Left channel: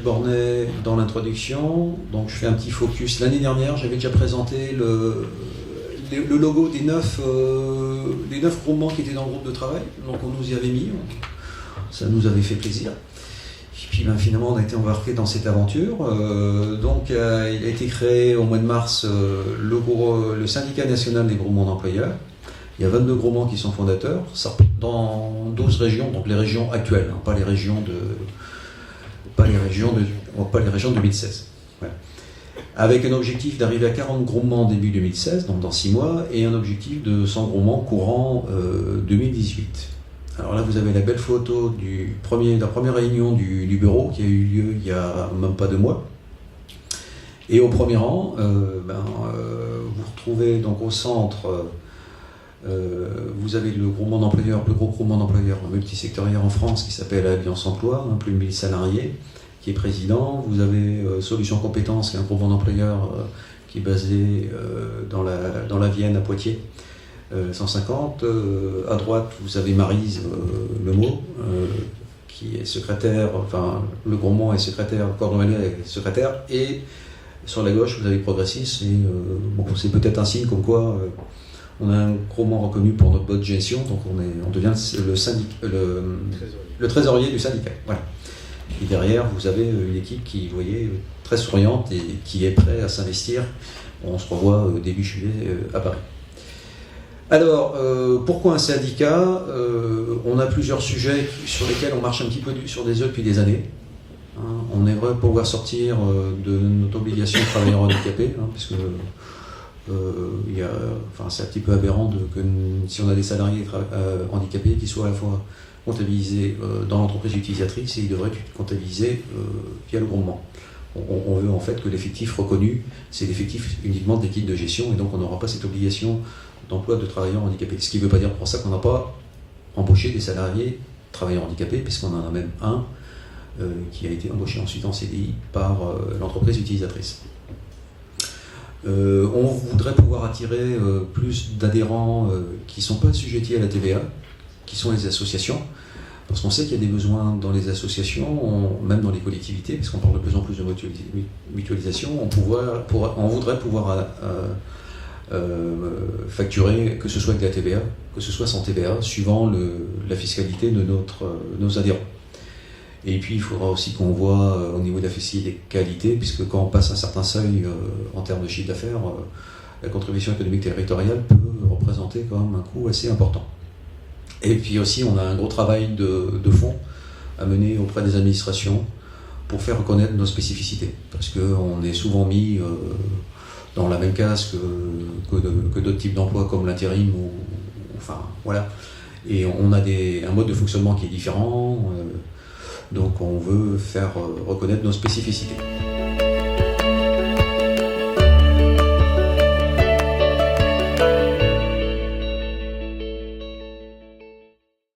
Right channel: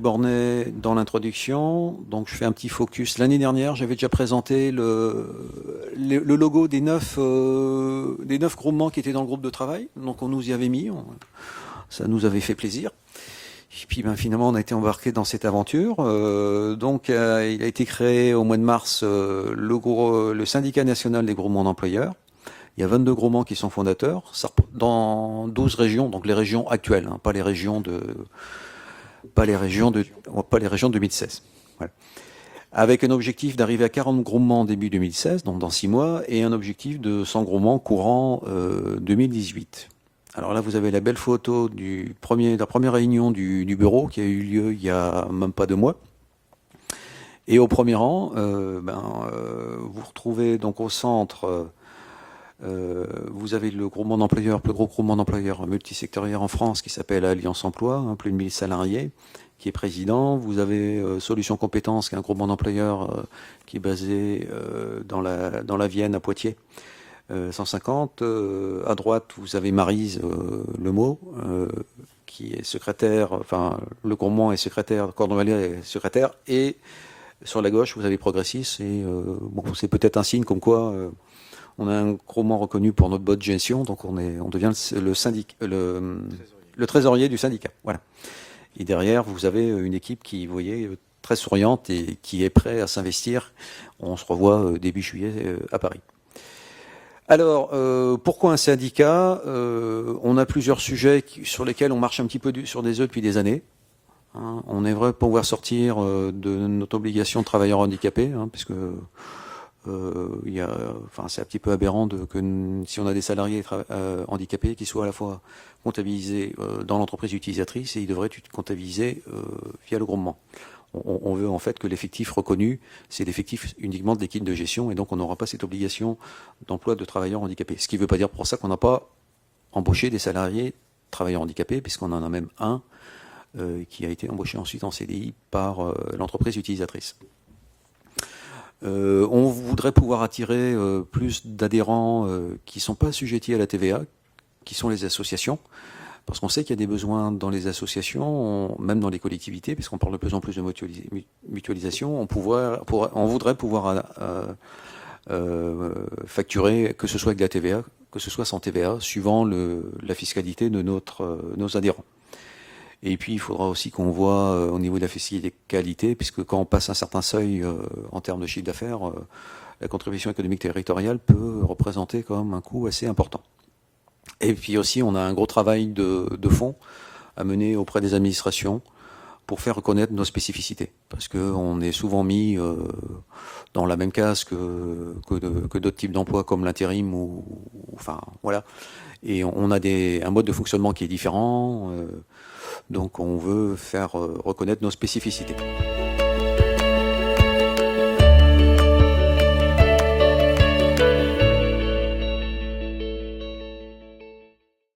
Frédéric Bornet dans l'introduction. Donc je fais un petit focus. L'année dernière, j'avais déjà présenté le logo des 9 groupements qui étaient dans le groupe de travail. Donc on nous y avait mis, ça nous avait fait plaisir. Et puis finalement, on a été embarqué dans cette aventure. Donc il a été créé au mois de mars le syndicat national des groupements d'employeurs. Il y a 22 groupements qui sont fondateurs, dans 12 régions, donc les régions actuelles, hein, pas les régions de 2016. Ouais. Avec un objectif d'arriver à 40 groupements début 2016, donc dans 6 mois, et un objectif de 100 groupements courant 2018. Alors là, vous avez la belle photo de la première réunion du bureau qui a eu lieu il y a même pas 2 mois. Et au premier rang, vous retrouvez donc au centre. Vous avez le groupement d'employeurs, le plus gros groupement d'employeurs multisectoriel en France qui s'appelle Alliance Emploi, hein, plus de 1000 salariés, qui est président. Vous avez Solutions Compétences, qui est un groupement d'employeurs qui est basé dans la Vienne, à Poitiers, 150. À droite, vous avez Maryse Lemot, qui est secrétaire, enfin le groupement est secrétaire, Cordon Valère est secrétaire, et sur la gauche, vous avez Progressistes, et c'est peut-être un signe comme quoi on a un groupement reconnu pour notre bonne gestion, donc on devient le trésorier du syndicat. Voilà. Et derrière, vous avez une équipe qui, vous voyez, très souriante et qui est prête à s'investir. On se revoit début juillet à Paris. Alors, pourquoi un syndicat? On a plusieurs sujets sur lesquels on marche un petit peu sur des œufs depuis des années. Hein, on aimerait pouvoir sortir de notre obligation de travailleurs handicapés, hein, parce que c'est un petit peu aberrant que si on a des salariés handicapés qui soient à la fois comptabilisés dans l'entreprise utilisatrice et ils devraient être comptabilisés via le groupement. On veut en fait que l'effectif reconnu, c'est l'effectif uniquement de l'équipe de gestion et donc on n'aura pas cette obligation d'emploi de travailleurs handicapés. Ce qui ne veut pas dire pour ça qu'on n'a pas embauché des salariés travailleurs handicapés, puisqu'on en a même un qui a été embauché ensuite en CDI par l'entreprise utilisatrice. On voudrait pouvoir attirer plus d'adhérents qui ne sont pas assujettis à la TVA, qui sont les associations, parce qu'on sait qu'il y a des besoins dans les associations, même dans les collectivités, parce qu'on parle de plus en plus de mutualisation, on voudrait pouvoir facturer, que ce soit avec la TVA, que ce soit sans TVA, suivant la fiscalité de nos adhérents. Et puis il faudra aussi qu'on voit au niveau de la fiscalité, puisque quand on passe un certain seuil en termes de chiffre d'affaires, la contribution économique territoriale peut représenter quand même un coût assez important. Et puis aussi on a un gros travail de fond à mener auprès des administrations pour faire reconnaître nos spécificités, parce qu'on est souvent mis dans la même case que d'autres types d'emplois comme l'intérim, voilà. Et on a un mode de fonctionnement qui est différent. Donc on veut faire reconnaître nos spécificités.